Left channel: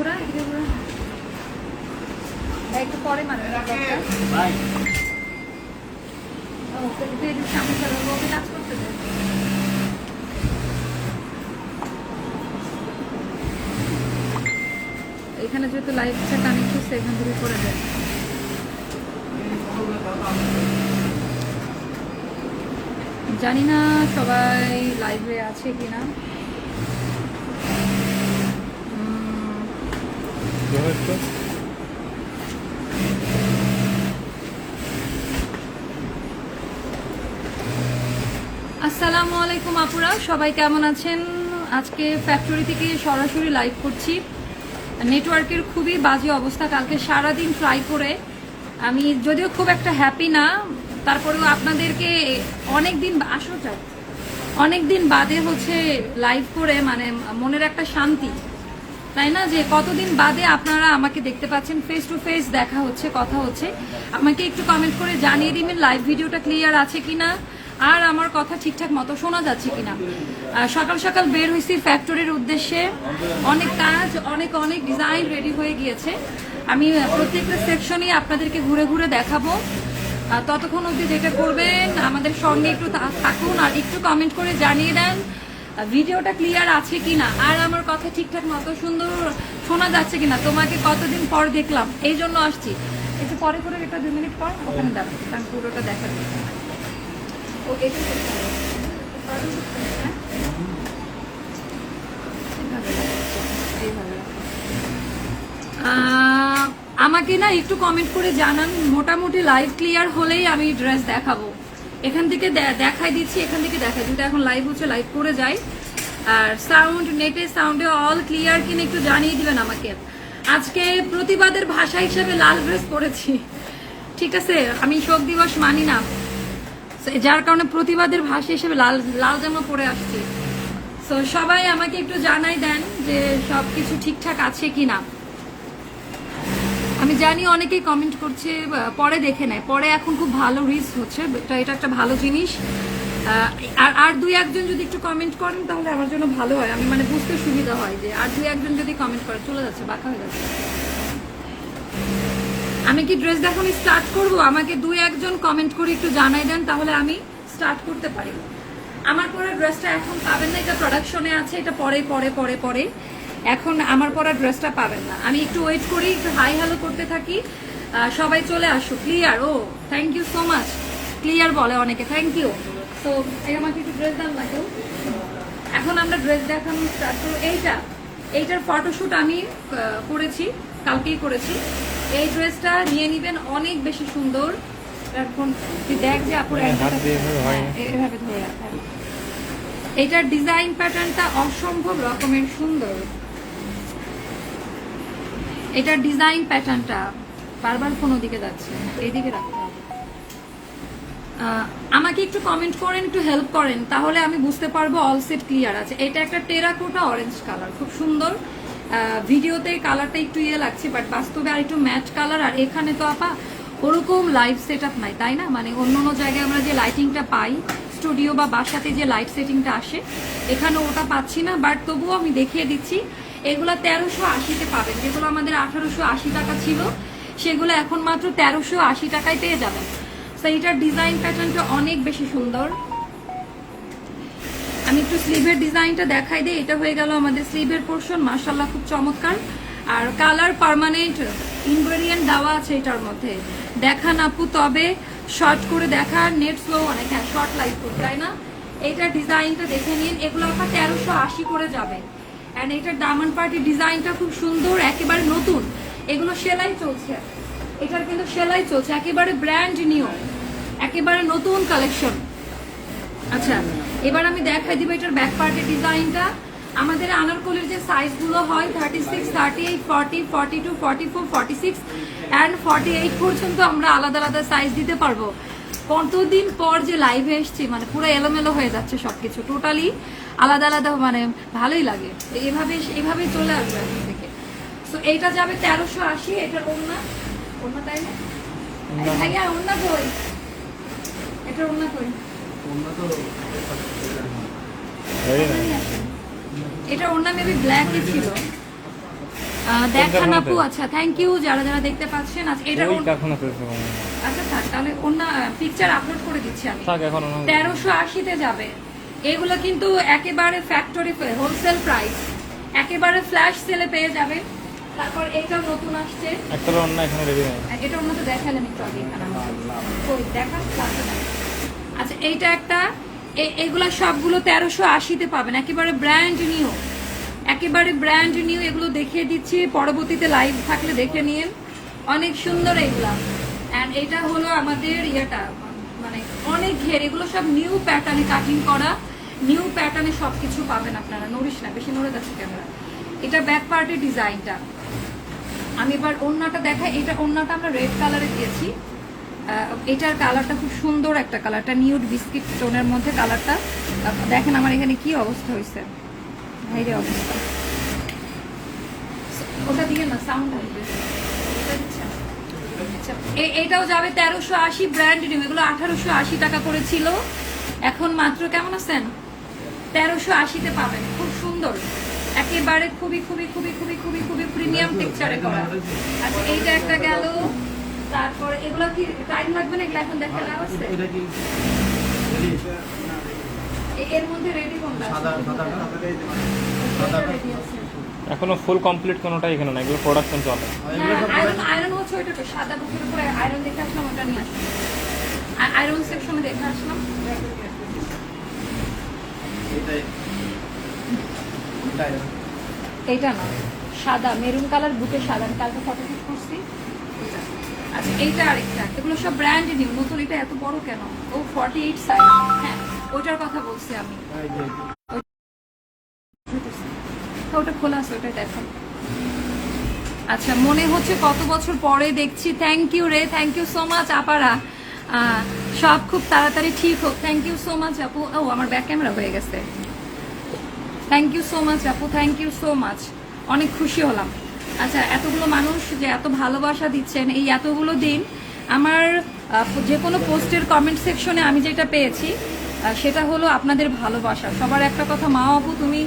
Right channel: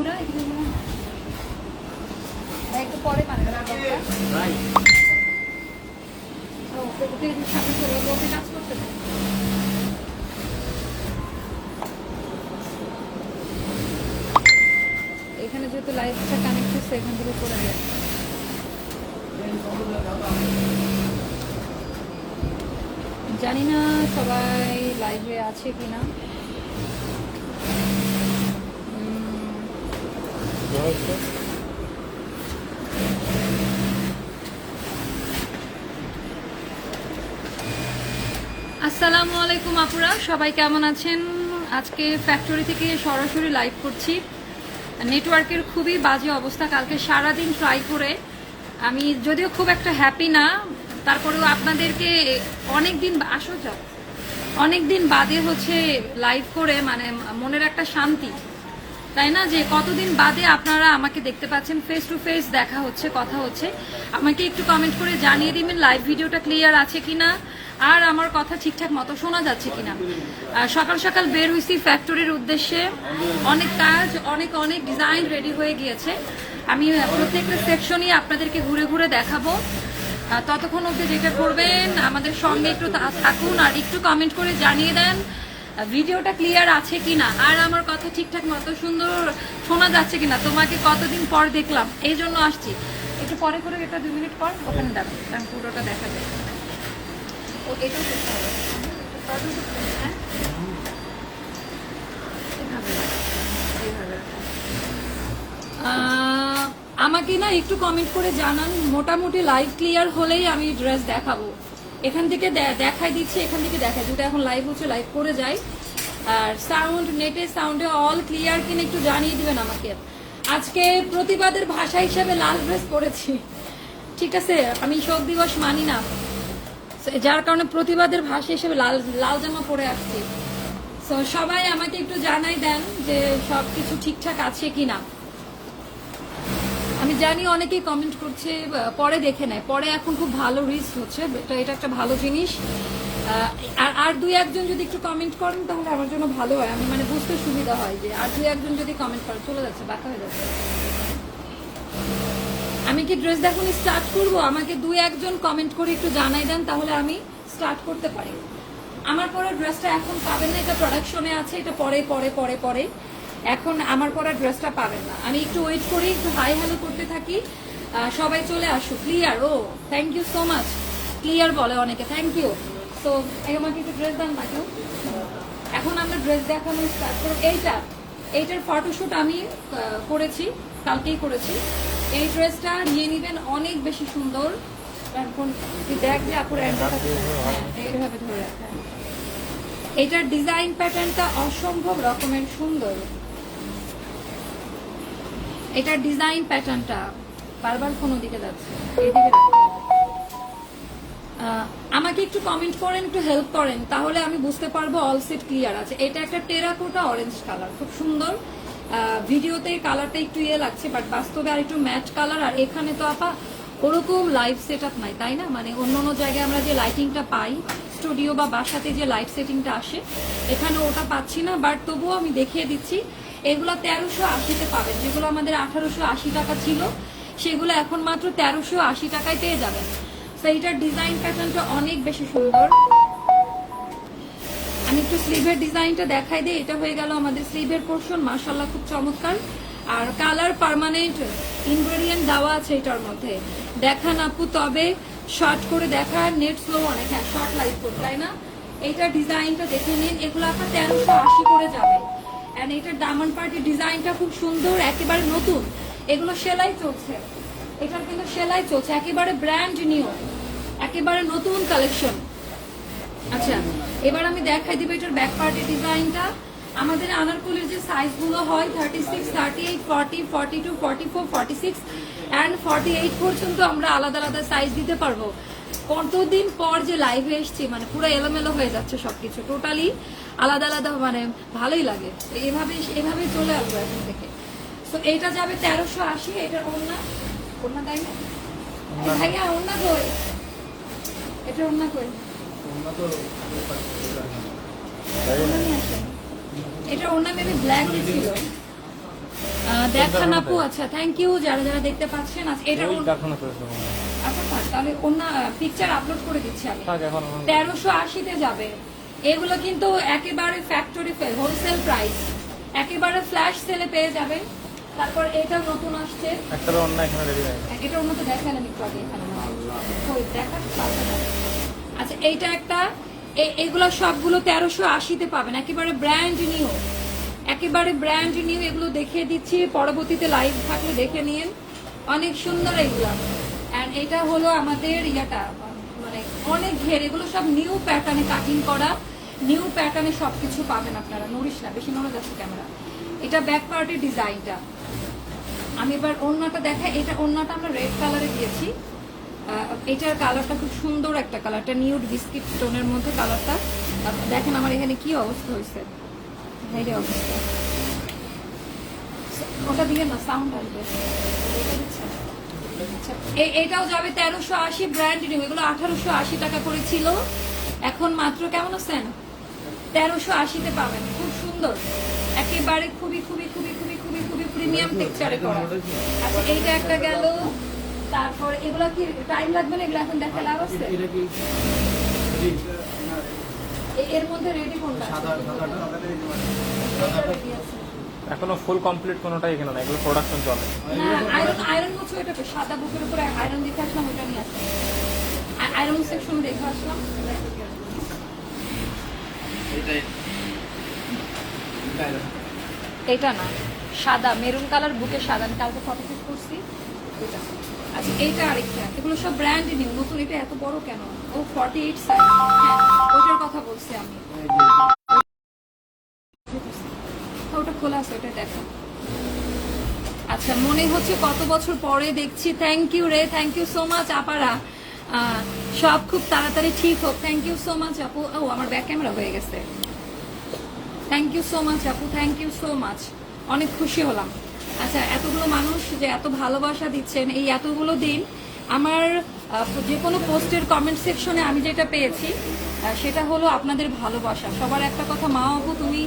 ঘোরা এদিকে ঘোরা। একটু পরে মানে ভাই ও ওকে এদিকে সামনে চলে ওকে নাচ করতে এখানে যেহেতু লাইটটা কানেক্ট হচ্ছে এখান থেকে করে যায়। জানি না সবাই লাইভে আছে কিনা। আসসালামু আলাইকুম আপুরা, সবাই কেমন আছেন? আজকে ফ্যাক্টরি থেকে সরাসরি লাইভ করছি। নেটওয়ার্কের খুবই বাজে অবস্থা, কালকে সারাদিন ট্রাই করে। আমি যদিও খুব একটা হ্যাপি না, তারপরেও আপনাদেরকে অনেক দিন আসো যাও। অনেক দিন বাদে হচ্ছে লাইভ করে মানে মনের একটা শান্তি। তাই না? যে কতদিন বাদে আপনারা আমাকে দেখতে পাচ্ছেন ফেস টু ফেস দেখা হচ্ছে, কথা হচ্ছে। আমাকে একটু কমেন্ট করে জানিয়ে দিবেন লাইভ ভিডিওটা ক্লিয়ার আছে কিনা, আর আমার কথা ঠিকঠাক মতো শোনা যাচ্ছে কিনা। সকাল সকাল বের হয়েছি ফ্যাক্টরির উদ্দেশ্যে। অনেক কাজ, অনেক অনেক ডিজাইন রেডি হয়ে গিয়েছে। আমি প্রত্যেকটা সেকশনই আপনাদেরকে ঘুরে ঘুরে দেখাবো। ততক্ষণ অবধি যেটা করবেন, আমাদের সঙ্গে একটু থাকুন আর একটু কমেন্ট করে জানিয়ে দেন। ভিডিওটা ক্লিয়ার আছে কিনা? আর আমার কথা ঠিকঠাক মতো সুন্দর শোনা যাচ্ছে কিনা? তোমাকে কতদিন পর দেখলাম? এই জন্য আসছি। একটু পরে করে এটা দুই মিনিট পর ওখানে দাঁড়ান কারণ পুরোটা দেখা যায় আমাকে না একটু কমেন্ট করে জানান, মোটামুটি লাইভ ক্লিয়ার হলেই আমি ড্রেস দেখাবো। এখান থেকে দেখাই দিচ্ছি, এখান থেকে দেখাই যেটা এখন লাইভ হচ্ছে লাইভ করে যাই। আর সাউন্ড নেটের সাউন্ডে অল ক্লিয়ার কিনা একটু জানিয়ে দিবেন আমাকে। আজকে প্রতিবাদের ভাষা হিসেবে লাল ড্রেস পরেছি। ঠিক আছে? আমি শোক দিবস মানি না। যার কারণে প্রতিবাদের ভাষা হিসেবে লাল লাল জামা পরে আসছি। তো সবাই আমাকে একটু জানাই দেন যে সবকিছু ঠিকঠাক আছে কিনা। জানি অনেকেই কমেন্ট করছে পরে দেখে নেয়। পরে এখন খুব ভালো রিচ হচ্ছে এটা একটা ভালো জিনিস। আর আর দুই একজন যদি একটু কমেন্ট করেন, তাহলে আমার জন্য ভালো হয়। আমি মানে বুঝতে সুবিধা হয় যে, আর দুই একজন যদি কমেন্ট করে, চলে যাচ্ছে, বাঁকা হয়ে যাচ্ছে। আমি কি ড্রেস দেখানো স্টার্ট করব? আমাকে দুই একজন কমেন্ট করে একটু জানাই দেন, তাহলে আমি স্টার্ট করতে পারি। আমার পরা ড্রেসটা এখন পাবেন না, এটা প্রোডাকশনে আছে, এটা পরে পরে পরে পরে এখন আমার পরা ড্রেসটা পাবেন না। আমি একটু ওয়েট করি একটু হাই হ্যালো করতে থাকি। সবাই চলে আসুক। Clear O thank you so much clear বলে অনেকে থ্যাংক ইউ তো আমাকে একটু ড্রেস না কেউ? এখন আমরা ড্রেস দেখানো স্টার্ট করি। এইটা এইটার ফটোশ্যুট আমি করেছি কালকেই করেছি। এই ড্রেসটা নিয়ে নিবেন অনেক বেশি সুন্দর। এখন দেখ যে আপুর। এটার ডিজাইন প্যাটার্নটা অসম্ভব রকমের সুন্দর। এটার ডিজাইন প্যাটার্নটা বারবার কোন দিকে যাচ্ছে। আহ, আমাকে একটু কমেন্ট করেন একটু হেল্প করেন তাহলে আমি বুঝতে পারব অল সেট ক্লিয়ার আছে। এটা একটা টেরাকোটা অরেঞ্জ কালার খুব সুন্দর। ভিডিওতে কালারটা একটু ইয়ে লাগছে বাট বাস্তবে আর একটু ম্যাচ কালার আর এখানে তো আপা ওরকম লাইট সেট আপ নাই তাই না? মানে অন্য অন্য জায়গায় আমরা যে লাইটিংটা পাই স্টুডিও বা বাসাতে যে লাইট সেটিংটা আসে এখানে ওটা পাচ্ছি না বাট তবুও আমি দেখিয়ে দিচ্ছি এগুলো তেরোশো আশিতে পাবেন। যেগুলো আমাদের আঠারোশো আশি টাকা ছিল, সেগুলো এখন মাত্র তেরোশো আশি টাকায় পেয়ে যাবেন। তো এইটার ডিজাইন প্যাটার্নটা অনেক বেশি সুন্দর। আমি একটু স্লিভের ডিজাইনটা দেখাই দিই। এটা হয়ে গেল আমাদের স্লিভের পোর্শন মার্শাল্লাহ খুব চমৎকার। আর কালার পার্মানেন্ট ইনগ্রেডিয়েন্ট দেওয়া আছে এটার মধ্যে। দেখান আপু, তবে শর্ট করে দেখা। নেট স্লো অনেক হ্যাঁ শর্ট লাইট করতে, তাই না? এইটার ডিজাইনটা দেখে নিন। এগুলো আপনার তেরোশো আশি করে যাবে। অ্যান্ড এটার ডায়মন্ড পার্টির ডিজাইনটা খুব সুন্দর, একেবারে নতুন। এগুলো সেলাই চলছে। এটার কিন্তু সেলাই চলছে, একেবারে ব্র্যান্ড নিউ একেবারে নতুন কালেকশন আচ্ছা এবার আমি দেখাই দিব এটার ব্যাক পার্টের ডিজাইনটা আমাদের আনারকলির যে সাইজগুলো হয় thirty six thirty eight forty forty two forty four forty six and forty eight পর্যন্ত আমরা আলাদা আলাদা সাইজ দিতে পারব। কতদিন পর যে লাইভে এসছি মানে পুরো এলোমেলো হয়ে যাচ্ছে সবকিছু। টোটালি আলাদা আলাদা মানে ভালোই লাগে। এভাবে এভাবেই চলে আসবে এখন থেকে। তো এটা যাবে তেরোশো আশি এটার ওন্না ওন্না তাই না? ভাইয়া কই? কই? এটা মেবি ব্ল্যাকই ছিল। দেখান আপু আচ্ছা থ্যাংক ইউ যারা যারা দেখতে পাচ্ছেন। আচ্ছা এটা। আচ্ছা থাক তাহলে অন্য পিকচার আপলোড করে দিচ্ছি আমি। তেরোশো আশিতে যাবে। এগুলো কিন্তু একেবারে ফ্যাক্টরি হোলসেল প্রাইস একেবারে ফ্ল্যাশ সেলে পেয়ে যাবেন। তারপর এটা নতুন আসছে। একটা অন্য এখানে রেডি নাই। এটার মধ্যে দেখালাম একটু আগে এখানে। কই, দেখান আচ্ছা এইটা একটা। এইগুলো সবগুলো তেরোশো আশিতে পাবেন। একেবারে ব্র্যান্ড নিউ একেবারে ব্র্যান্ড নিউ এগুলো দেখিয়ে দিচ্ছি। পরবর্তীতে লাইভ থাকলে দেখে নিন। অনেক সুন্দর এগুলা। অ্যান্ড এটা হলো আমাদের ইয়াটা। ঘের এগুলো সব নিউ প্যাটার্নে কাটিং করা নিউ প্যাটার্নে সবকিছু পাবেন আপনারা। নড়িস না, বেশি নড়ে যাচ্ছে ক্যামেরা এটা ব্যাক পার্টির ডিজাইনটা। আমি এবার ওড়নাটা দেখাই। এটা ওড়নাটা আমরা রেড কালারে দিয়েছি। এটার কালারটা খুব সুন্দর একটা কালারটা নিউড বিস্কিট টোনের মধ্যে কালারটা দেখেন আমার এখানে কি অবস্থা হয়েছে। অবস্থা। ওটা দিয়ে না সাউন্ড আসবে ওটা দিচ্ছেন? আচ্ছা, এই- এটাও যাবে তেরোশো আশি ব্র্যান্ড নিউ এগুলো আঠারোশো আশি টাকা করে ছিল। এখন মাত্র কেমন আছেন? তেরোশো আশিতে পাবেন খুব সুন্দর। একেবারে খুবই খুবই খুবই খুবই খুবই খুবই প্রিমিয়াম পিকচারে করা। আচ্ছা এইটা একটা গেল। তারপর এগুলো কি টাইম লাগবে না? এগুলো এখন দেখা লাভ আছে? এর মধ্যে রেডি কোনটা আছে? এটা ready আছে। এখনও ফুল কমপ্লিট কোনোটাই এখানে না এগুলো প্রোডাকশন চলে। আয়রন হচ্ছে ওইটা সাদা বুকের উপরে আয়রন দেখে আসলাম ওটা আমি আসলাম। আয়রন সেকশনে দেখে আসলাম। এইটা না, সাদা মেরুন কালার বুকে সাদা, আমি কালকে ফটো শুট করছি। আচ্ছা এইটা আরেকটা, এগুলো সব ব্র্যান্ড নিউ নতুন, এটা এত বড় কেন? ও ফর্টি এইট সাইজ ওটার কথা বলছি আমি। ওটা খোলা আছে, ওটা দেখো। আচ্ছা মনে হচ্ছে কত বছর পরে দেখছি। থ্যাংক ইউ রে থ্যাংক ইউ সো মাচ আপারা। সব খুব তাড়াতাড়ি ঠিক হোক। থ্যাংক ইউ সো মাচ আপু। ও, আমার ব্যাক ক্যামেরা হয়ে গেছে। থ্যাংক ইউ সো মাচ আপু। থ্যাংক ইউ সো মাচ অনেক খুশি হলাম। আচ্ছা এতগুলো মানুষ যে এত ভালোবাসা দিচ্ছেন, এই এতগুলো দিন আমার যে কোনো পোস্টের কমেন্ট সেকশনে আমি যেটা পেয়েছি সেটা হলো আপনাদের ভালোবাসা। সবার একটা কথা মা আপু তুমি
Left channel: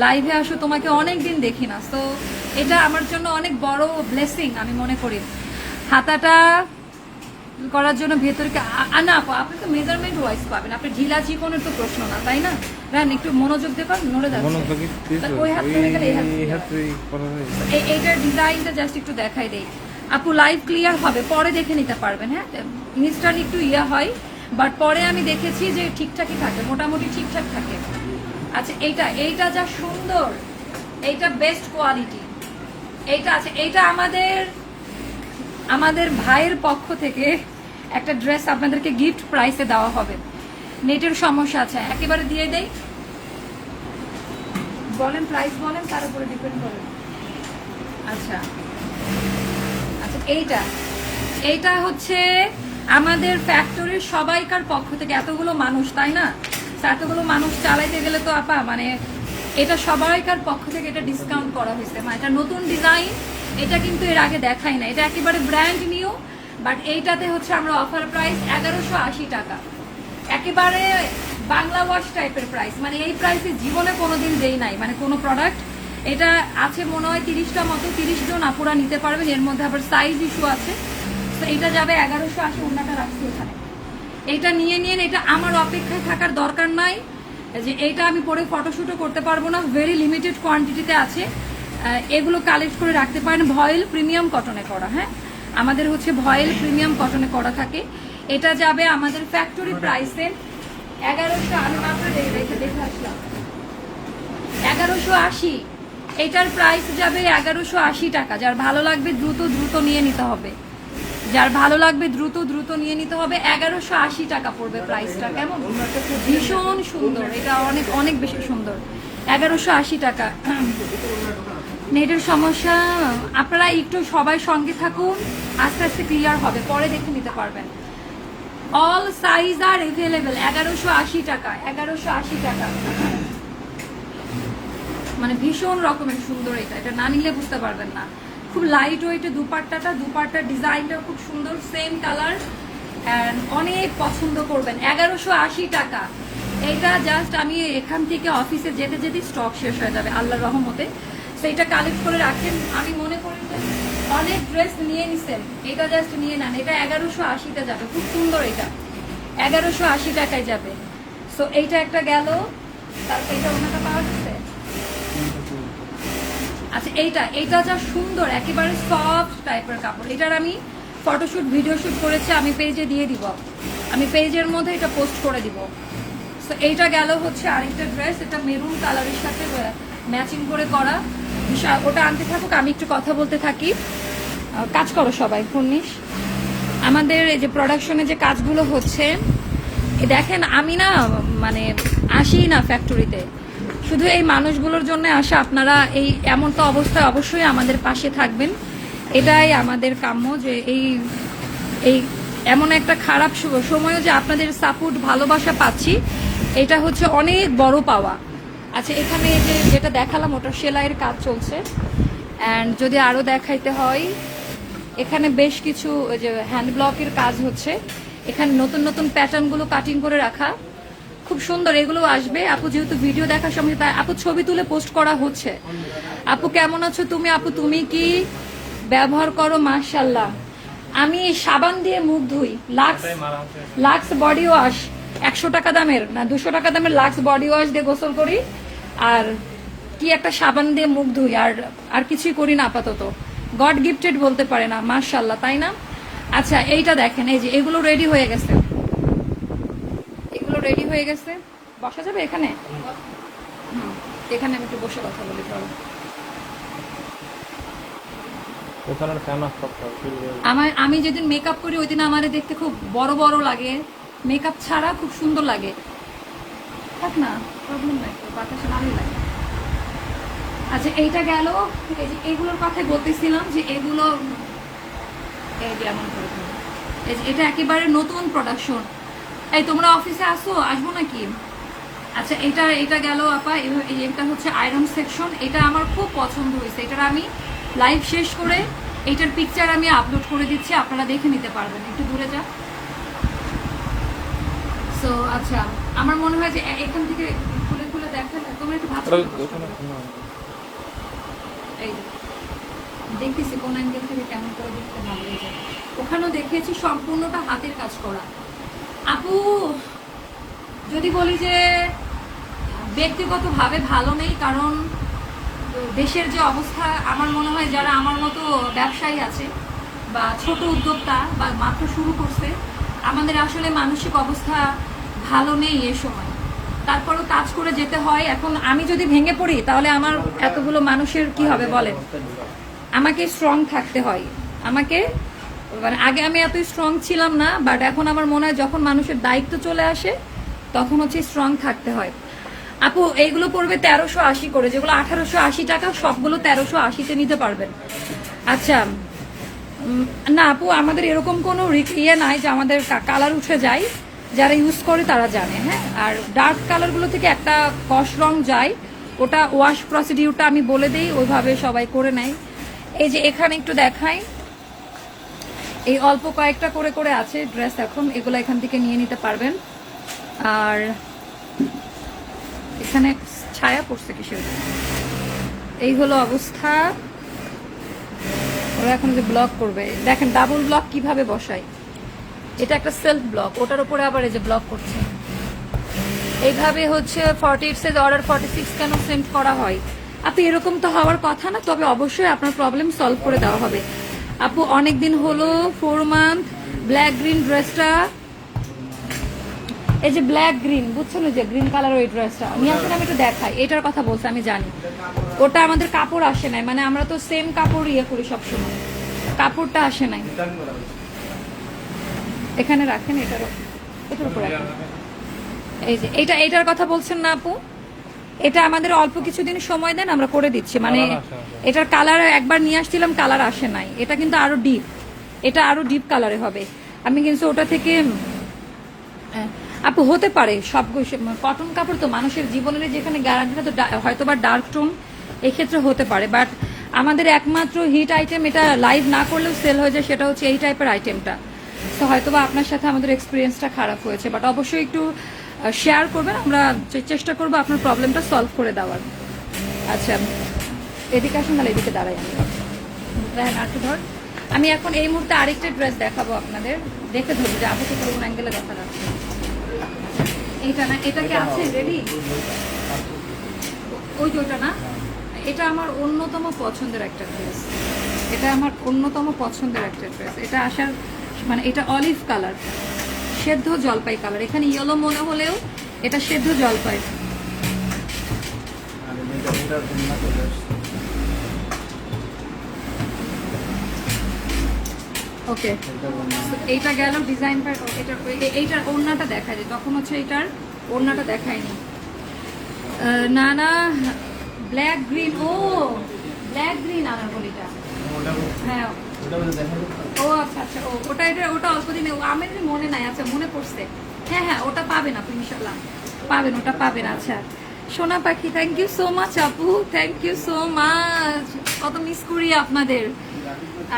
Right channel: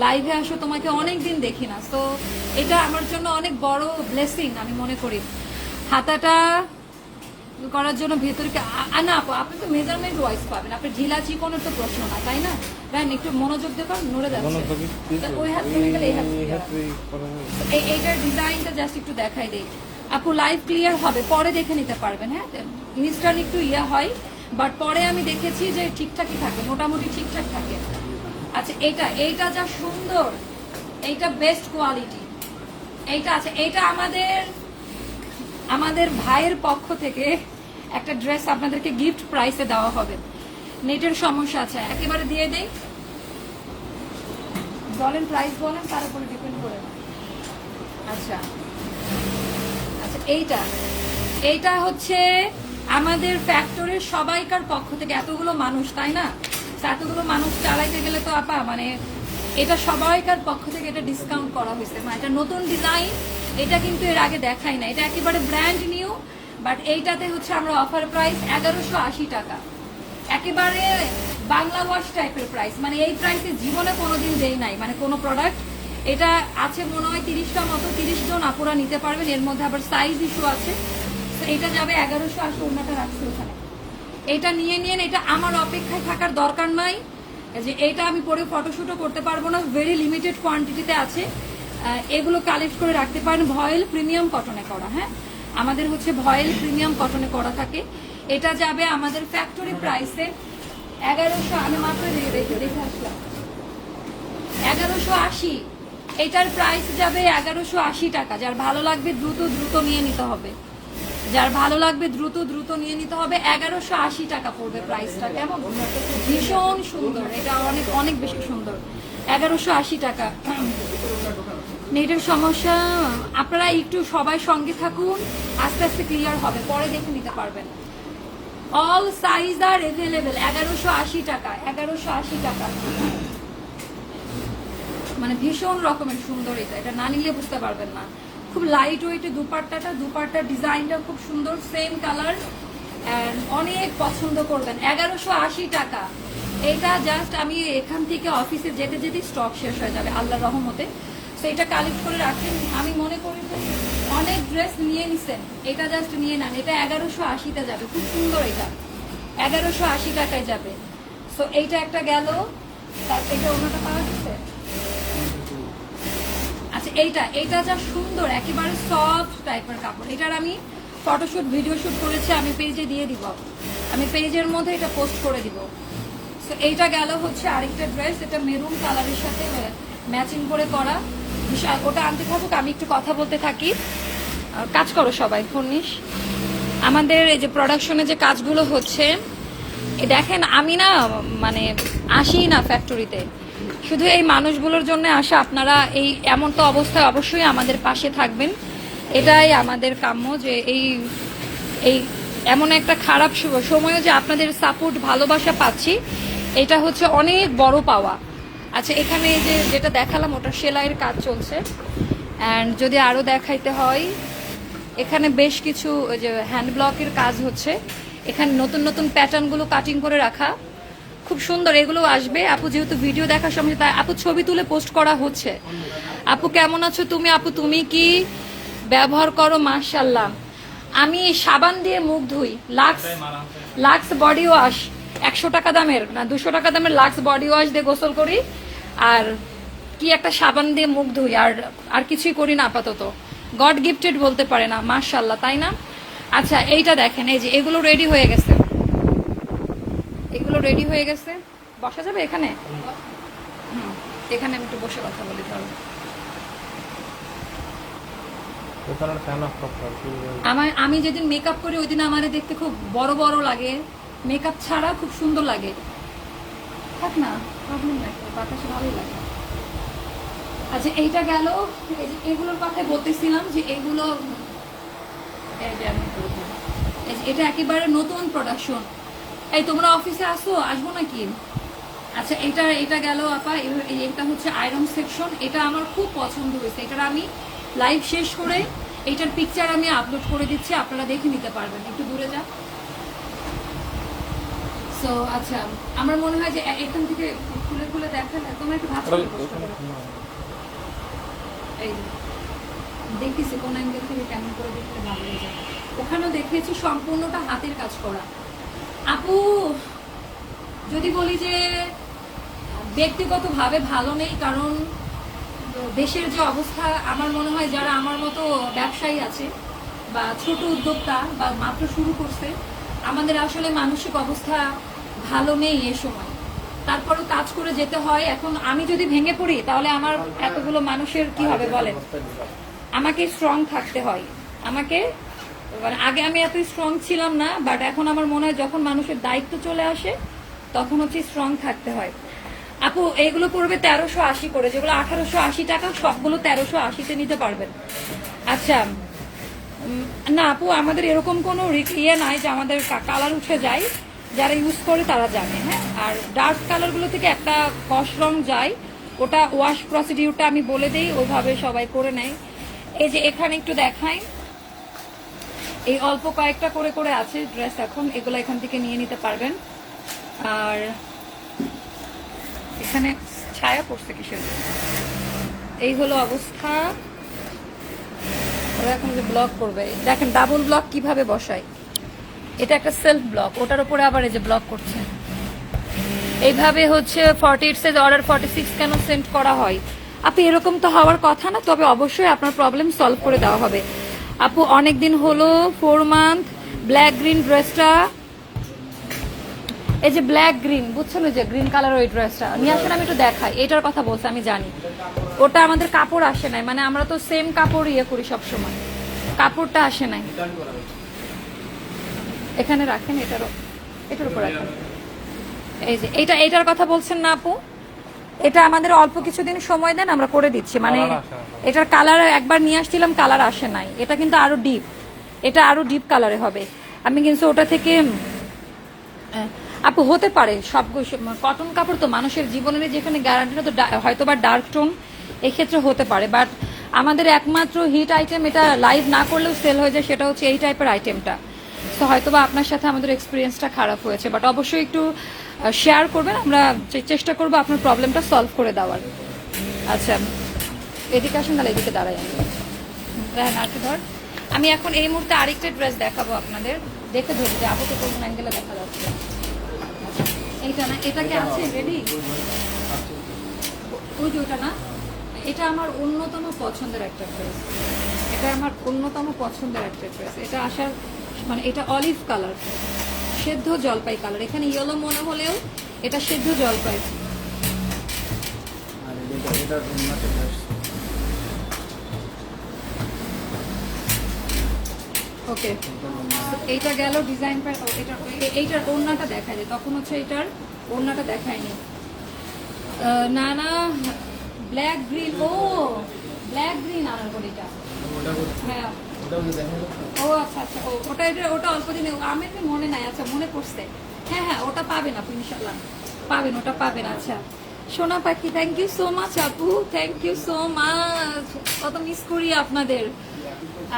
লাইভে আসো তোমাকে অনেক দিন দেখি না। তো এটা আমার জন্য অনেক বড় ব্লেসিং আমি মনে করি। হাতাটা করার জন্য ভেতরকে না আপু আপনি তো মেজারমেন্ট ওয়াইজ পাবেন। আপনি ঢিলা চিকনের তো প্রশ্ন না তাই না? রান একটু মনোযোগ দেখো নড়ে যাচ্ছে। ওই হাত গেলে এইটার ডিজাইনটা জাস্ট একটু দেখাই দেই। আপু লাইভ ক্লিয়ার হবে পরে দেখে নিতে পারবেন হ্যাঁ? মিস্টার একটু ইয়ে হয় বাট পরে আমি দেখেছি যে ঠিকঠাকই থাকে মোটামুটি ঠিকঠাক থাকে। আচ্ছা এইটা এইটা যা সুন্দর, এইটা বেস্ট কোয়ালিটি এইটা আছে, এইটা আমাদের আমাদের ভাইয়ের পক্ষ থেকে একটা ড্রেস আপনাদেরকে গিফট প্রাইসে দেওয়া হবে। নেটের সমস্যা আছে, একেবারে দিয়ে দেই। বলেন প্রাইস বলেন, তার উপরে ডিপেন্ড করে। আচ্ছা আচ্ছা এইটা এইটা হচ্ছে আমাদের ফ্যাক্টরির সবাইকার পক্ষ থেকে, এতগুলো মানুষ, তাই না? তো এতগুলো মানুষ চালাইতে গেলে তো আপা মানে এটা সবাইকার পক্ষ থেকে এটা ডিসকাউন্ট করা হয়েছে। মানে এটা নতুন ডিজাইন এটা কিন্তু এর আগে দেখাই না এটা একেবারে ব্র্যান্ড নিউ বাট এইটাতে হচ্ছে আমরা অফার প্রাইস এগারোশো আশি টাকা। একেবারে বাংলা ওয়াশ টাইপের প্রাইস মানে এই প্রাইসে জীবনে কোনোদিন দেই নাই। মানে কোনো প্রোডাক্ট এটা আছে মনে হয় তিরিশটা মতো, তিরিশ জন আপুরা নিতে পারবেন। এর মধ্যে আবার সাইজ ইস্যু আছে। তো এটা যাবে এগারোশো আশি, ওনাটা রাখছি এখানে। এটা নিয়ে নিন, এটা আমার অপেক্ষায় থাকার দরকার নাই। যে এইটা আমি পরে ফটোশুটও করতে পারব না ভেরি লিমিটেড কোয়ান্টিটিতে আছে। এগুলো কালেক্ট করে রাখতে পারেন। ভয়েল প্রিমিয়াম কটনে করা হ্যাঁ? আমাদের হচ্ছে ভয়েল প্রিমিয়াম কটনে করা থাকে। এটা যাবে আমাদের ফ্যাক্টরি প্রাইসে এগারোশো, আমি মাত্র দেখে এগারোশো আশি। এটার প্রাইস যাবে এগারোশো আশি টাকা। যার ভালো লাগবে, দ্রুত দ্রুত নিয়ে নিতে হবে। যার ভালো লাগবে দ্রুত দ্রুত নিয়ে নিতে হবে। এগারোশো আশি টাকা পড়বে প্রাইসটা কেমন? ভীষণ সুন্দর। এটা অনেক অনেক বেশি সুন্দর। এগারোশো আশি টাকা। নেটের সমস্যা, আপনারা একটু সবাই সঙ্গে থাকুন। আস্তে আস্তে ক্লিয়ার হবে। পরে দেখে নিতে পারবেন। অল সাইজ আর এভেলেবেল এগারোশো আশি টাকা, এগারোশো আশি টাকা। মানে ভীষণ রকমের সুন্দর এটা। এটা না নিলে বুঝতে পারবেন না। খুব লাইট ওয়েটে দুপাট্টাটা দুপাট্টার ডিজাইনটা খুব সুন্দর সেম কালার অনেক পছন্দ করবেন। এগারোশো আশি টাকা। এটা জাস্ট আমি এখান থেকে অফিসে যেতে যেতে স্টক শেষ হয়ে যাবে আল্লাহ রহমতে। সেইটা কালেক্ট করে রাখেন। আমি মনে করি অনেক ড্রেস নিয়ে নিছেন, এটা জাস্ট নিয়ে নেন। এটা এগারোশো আশিতে যাবে, খুব সুন্দর এটা। এগারোশো আশি টাকায় যাবে। সো এইটা একটা গেল। তারপর এটা অন্যটা পাওয়া আচ্ছা এইটা এইটা যা সুন্দর, একেবারে সফট টাইপের কাপড়। এটার আমি ফটোশুট ভিডিও শুট করেছি, আমি পেজে দিয়ে দিব। আমি পেজের মধ্যে এটা পোস্ট করে দিব। তো এইটা গেল হচ্ছে আরেকটা ড্রেস এটা মেরুন কালারের সাথে ম্যাচিং করে করা। ওটা আনতে থাকুক, আমি একটু কথা বলতে থাকি। কাজ করো সবাই ফোনিস আমাদের এই যে প্রোডাকশনে যে কাজগুলো হচ্ছে দেখেন, আমি না মানে আসি না ফ্যাক্টরিতে শুধু এই মানুষগুলোর জন্য আসা, আপনারা এই এমন তো অবস্থায় অবশ্যই আমাদের পাশে থাকবেন। এটাই আমাদের কাম্য যে এই এই এমন একটা খারাপ সময়ও যে আপনাদের সাপোর্ট ভালোবাসা পাচ্ছি, এটা হচ্ছে অনেক বড় পাওয়া। আচ্ছা এখানে এই যে যেটা দেখালাম, ওটা সেলাইয়ের কাজ চলছে। অ্যান্ড যদি আরও দেখাইতে হয়, এখানে বেশ কিছু যে হ্যান্ড ব্লকের কাজ হচ্ছে। এখানে নতুন নতুন প্যাটার্নগুলো কাটিং করে রাখা। খুব সুন্দর, এগুলো আসবে। আপু যেহেতু ভিডিও দেখার সময় তাই আপু ছবি তুলে পোস্ট করা হচ্ছে। আপু কেমন আছো তুমি? আপু তুমি কি ব্যবহার করো? মাশাল্লাহ আমি সাবান দিয়ে মুখ ধুই। লাক্স লাক্স বডি ওয়াশ একশো টাকা দামের, না দুশো টাকা দামের লাক্স বডি ওয়াশ দিয়ে গোসল করি। আর কি একটা সাবান দিয়ে মুখ ধুই, আর আর কিছুই করি না আপাতত। গড গিফটেড বলতে পারে না মার্শাল্লাহ তাই না? আচ্ছা এইটা দেখেন, এই যে এগুলো রেডি হয়ে গেছে। এগুলো রেডি হয়ে গেছে। বসা যাবে এখানে? এখানে আমি একটু বসে কথা বলি আমার আমি যেদিন মেকআপ করি ওই দিন আমার দেখতে খুব বড় বড় লাগে। মেকআপ ছাড়া খুব সুন্দর লাগে। থাক না প্রবলেম নাই বাতাসে ভালোই লাগে। আচ্ছা এইটা গেল। এগুলোর কথাই বলতেছিলাম যে এগুলো এটা একেবারে নতুন প্রোডাকশন এই তোমরা অফিসে আসো আসব নাকি? আচ্ছা এটা এটা গেল আপা এই- এটা হচ্ছে আয়রন সেকশন এটা আমার খুব পছন্দ হয়েছে। এটার আমি লাইভ শেষ করে এটার পিকচার আমি আপলোড করে দিচ্ছি আপনারা দেখে নিতে পারবেন। একটু দূরে যা। সো আচ্ছা আমার মনে হয় যে এখান থেকে খুলে খুলে দেখেন তোমরা একটু ভাবছ এই। দেখতেছি কোন অ্যাঙ্গেল থেকে কেমন করে দেখতে ভালো ওখানেও দেখিয়েছি সম্পূর্ণটা হাতের কাজ করা। আপু, যদি বলি যে ব্যক্তিগত ভাবে ভালো নেই, কারণ দেশের যে অবস্থা, আমার মনে হয় যারা আমার মতো ব্যবসায়ী আছে বা ছোট উদ্যোক্তা বা মাত্র শুরু করছে, আমাদের আসলে মানসিক অবস্থা ভালো নেই এ সময়। তারপরও কাজ করে যেতে হয়। এখন আমি যদি ভেঙে পড়ি, তাহলে আমার এতগুলো মানুষের কি হবে বলেন? আমাকে স্ট্রং থাকতে হয়। আমাকে মানে আগে আমি এত স্ট্রং ছিলাম না বাট এখন আমার মনে হয় যখন মানুষের দায়িত্ব চলে আসে, তখন হচ্ছে স্ট্রং থাকতে হয়। আপু, এইগুলো পড়বে তেরোশো আশি করে, যেগুলো আঠারোশো আশি টাকা, সবগুলো তেরোশো আশিতে নিতে পারবেন। আচ্ছা না আপু, আমাদের এরকম কোনো ইয়ে নাই যে আমাদের কালার উঠে যায়, যারা ইউজ করে তারা জানে হ্যাঁ? আর ডার্ক কালারগুলো থেকে একটা কস রং যায়, ওটা ওয়াশ প্রসিডিউরটা আমি বলে দিই, ওইভাবে সবাই করে নেয়। এই যে এখানে একটু দেখাই। এই অল্প কয়েকটা করে করে আছে ড্রেস এখন, এগুলো এখান থেকে নিয়ে নিতে পারবেন। আর এখানে ছায়া পড়ছে কিসের এই হলো অবস্থা। ওরা এখন যে ব্লক করবে, দেখেন ডাবল ব্লক কীভাবে বসাই এটা একটা সেলফ ব্লক ওটার উপরে আবার এই যে ব্লক করছে। এইভাবে হচ্ছে forty eight size order forty six কেন সেন্ড করা হয়? আপু এরকম তো হওয়ার কথা না, তবে অবশ্যই আপনার প্রবলেম সলভ করে দেওয়া হবে। আপু অনেক দিন হলো ফোর মান্থ ব্ল্যাক গ্রিন ড্রেসটা এই যে ব্ল্যাক গ্রিন বুঝছেন ওই যে গ্রিন কালার ওই ড্রেসটা নিয়ে আসেন, আমি একটু দেখাই। এটার কথা বলছি, আমি জানি। ওটা আমাদের কাপড় আসে নাই মানে আমরা তো সেম কাপড় ইয়ে করি সব সময় কাপড়টা আসে নাই। এখানে রাখেন এটার এটার উপর রাখেন। এই যে, এটা এটার কথা বলছেন না আপু? এটা আমাদের অল্প কিছুদিন সময় দেন আমরা করে দিচ্ছি। মানে। এটার কালার একবার নিয়ে আসছিলাম কালার আসে নাই। এটা কিন্তু আরও ডিপ এটা আরও ডিপ কালারে হবে। আমি কিন্তু ওটা থেকে আপু হতে পারে সব কটন কাপড় তো মানুষের জীবনের যেখানে গ্যারান্টিটা তো হয়তো বা ডার্ক টোন এক্ষেত্রে হতে পারে। বাট আমাদের একমাত্র হিট আইটেম এটা লাইভ না করলেও সেল হয়ে যায় সেটা হচ্ছে এই টাইপের আইটেমটা তো হয়তো বা আপনার সাথে আমাদের এক্সপিরিয়েন্সটা খারাপ হয়েছে। বাট অবশ্যই একটু শেয়ার করবেন। আমরা চেষ্টা করব আপনার প্রবলেমটা সলভ করে দেওয়ার। আচ্ছা এদিকে আসুন তাহলে এদিকে দাঁড়াই আমি। আরকে ধর। আমি এখন এই মুহূর্তে আরেকটা ড্রেস দেখাবো আপনাদের। দেখে ধরি যে আবু থেকে কোন অ্যাঙ্গেলে দেখা যাচ্ছে। আচ্ছা, এইটা না এটা কি আছে? রেডি ওই ওটা না? এটা আমার অন্যতম পছন্দের একটা ড্রেস এটা আমার অন্যতম পছন্দের একটা ড্রেস এটা আসার মানে এটা অলিভ কালার সেদ্ধ জলপাই কালার এখানে ইয়েলো মনে হলেও এটা সেদ্ধ জলপাই। ওকে এইটা গেল ডিজাইন এইটার ওড়নাটা দেখা যায় তখন হচ্ছে এটার ওড়নাটা দেখায়নি। না না ব্ল্যাক গ্রিন ও ব্ল্যাক গ্রিন বলিটা হ্যাঁ। ও আচ্ছা আচ্ছা ও, ওটা এটা, ওটা অল্প দিনে মনে নাই আচ্ছা মনে পড়ছে। হ্যাঁ হ্যাঁ ওটা পাবেন আপনি ইনশাল্লাহ পাবেন, ওটা পাবেন আচ্ছা। সোনা পাখি থ্যাংক ইউ সো মাচ আপু থ্যাংক ইউ সো মাচ কত মিস করি আপনাদের।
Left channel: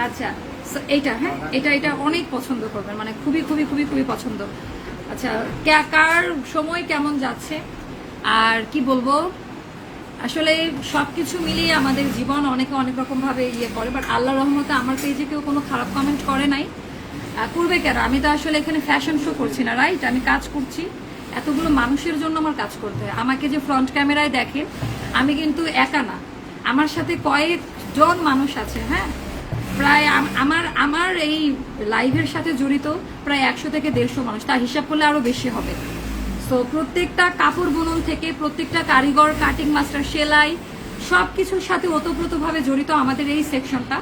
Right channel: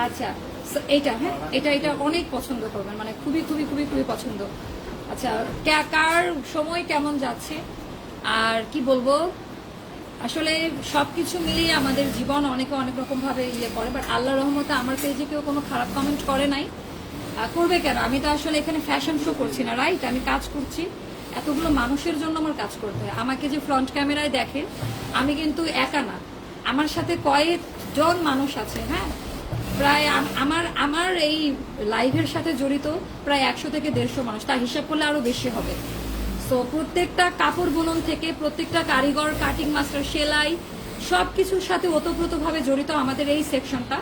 আচ্ছা এইটা হ্যাঁ এটা এটা অনেক পছন্দ করবেন মানে খুবই খুবই খুবই খুবই পছন্দ। আচ্ছা কার সময় কেমন যাচ্ছে? আর কি বলব? আসলে সবকিছু মিলিয়ে আমাদের জীবন অনেকে অনেক রকম ভাবে ইয়ে করে বাট আল্লাহ রহমতে আমার পেজে কেউ কোনো খারাপ কমেন্ট করে নাই। করবে কেন? আমি তো আসলে এখানে ফ্যাশন শো করছি না রাইট আমি কাজ করছি। এতগুলো মানুষের জন্য আমার কাজ করতে হয়। আমাকে যে ফ্রন্ট ক্যামেরায় দেখে, আমি কিন্তু একা না। আমার সাথে কয়েকজন মানুষ আছে হ্যাঁ? প্রায় আমার আমার এই লাইভের সাথে জড়িত প্রায় একশো থেকে দেড়শো মানুষ। তার হিসাব করলে আরও বেশি হবে। সো প্রত্যেকটা কাপড় বুনন থেকে প্রত্যেকটা কারিগর কাটিং মাস্টার সেলাই, সবকিছুর সাথে ওতপ্রোতভাবে জড়িত আমাদের এই সেকশনটা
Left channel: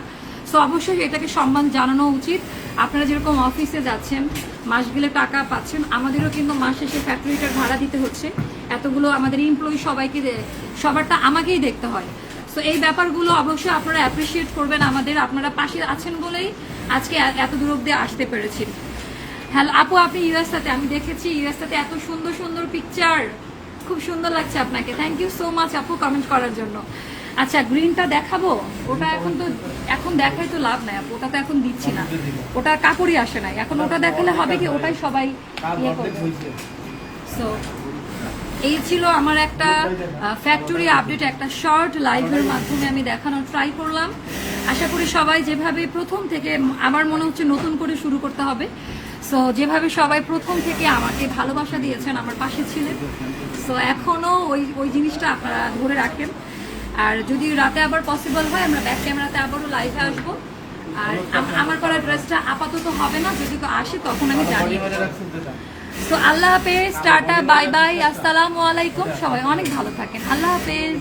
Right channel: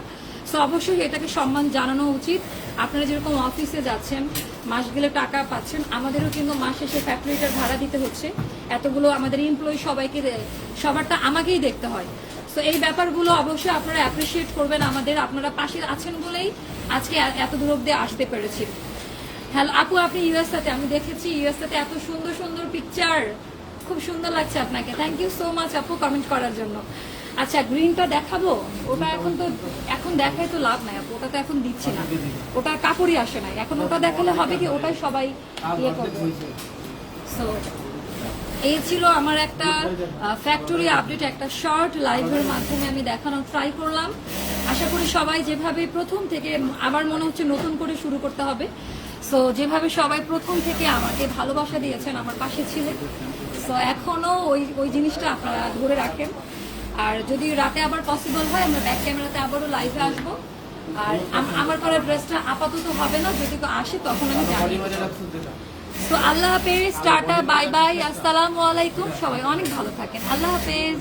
সো অবশ্যই এটাকে সম্মান জানানো উচিত। আপনারা যেরকম অফিসে যাচ্ছেন, মাস গেলে টাকা পাচ্ছেন, আমাদেরও কিন্তু মাস শেষে ফ্যাক্টরিটার ভাড়া দিতে হচ্ছে। এতগুলো আমাদের এমপ্লয়ি সবাইকে সবারটা আমাকেই দেখতে হয়। তো এই ব্যাপারগুলো অবশ্যই আপনারা অ্যাপ্রিসিয়েট করবেন আমাদের। আপনারা পাশে আছেন বলেই আজকে এত দূর অব্দি আসতে পেরেছি। হ্যালো আপু আপনি ইউএসএতে আমি দেখেছি ইউএসএতে এত সুন্দর সুন্দর পিকচার খুব সুন্দর লাগছে আপনাকে। থ্যাংক ইউ সো মাচ আপু কমেন্ট করার জন্য। আচ্ছা গ্রিনটা দেখাবো? ওটা এখন তো এখন দেখাই তো লাভ নাই আপু ওটা তো এখন দিচ্ছি না। ওটা কাপড়ই আসে নাই। এখন ওটা দেখালে হবে কি? ওটাই সবাই ইয়ে করবে। সো এই ছিল আমার একটা ফ্যাক্টরি আপডেট একটা শর্ট লাইভের মাধ্যমে আমি দেখানোর ট্রাই করলাম। আশা করি সবাই যেভাবে প্রথম থেকে আমার মনে হচ্ছে নতুন করে শুরু করতে হবে। সো যেভাবে সবাই প্রথম থেকে আমাকে ভালোবাসা দিয়েছেন আমার পাশে ছিলেন। সো এখনও ওই ওই জিনিসটা আপনারা ধরে রাখেন। আর যদি রাতে আবার পসিবল হয় আমরা ব্যাক ক্যামেরাতে আবারও লাইভে আসব। আর আমার করা ড্রেসটা আপাতত হবে না যদি তো আসে তখন আমি জানি। তো আল্লাহ হাফেজ টাটা বাই বাই আসসালামু আলাইকুম। সবাই অনেক ভালো থাকেন। আল্লাহ হাফেজ।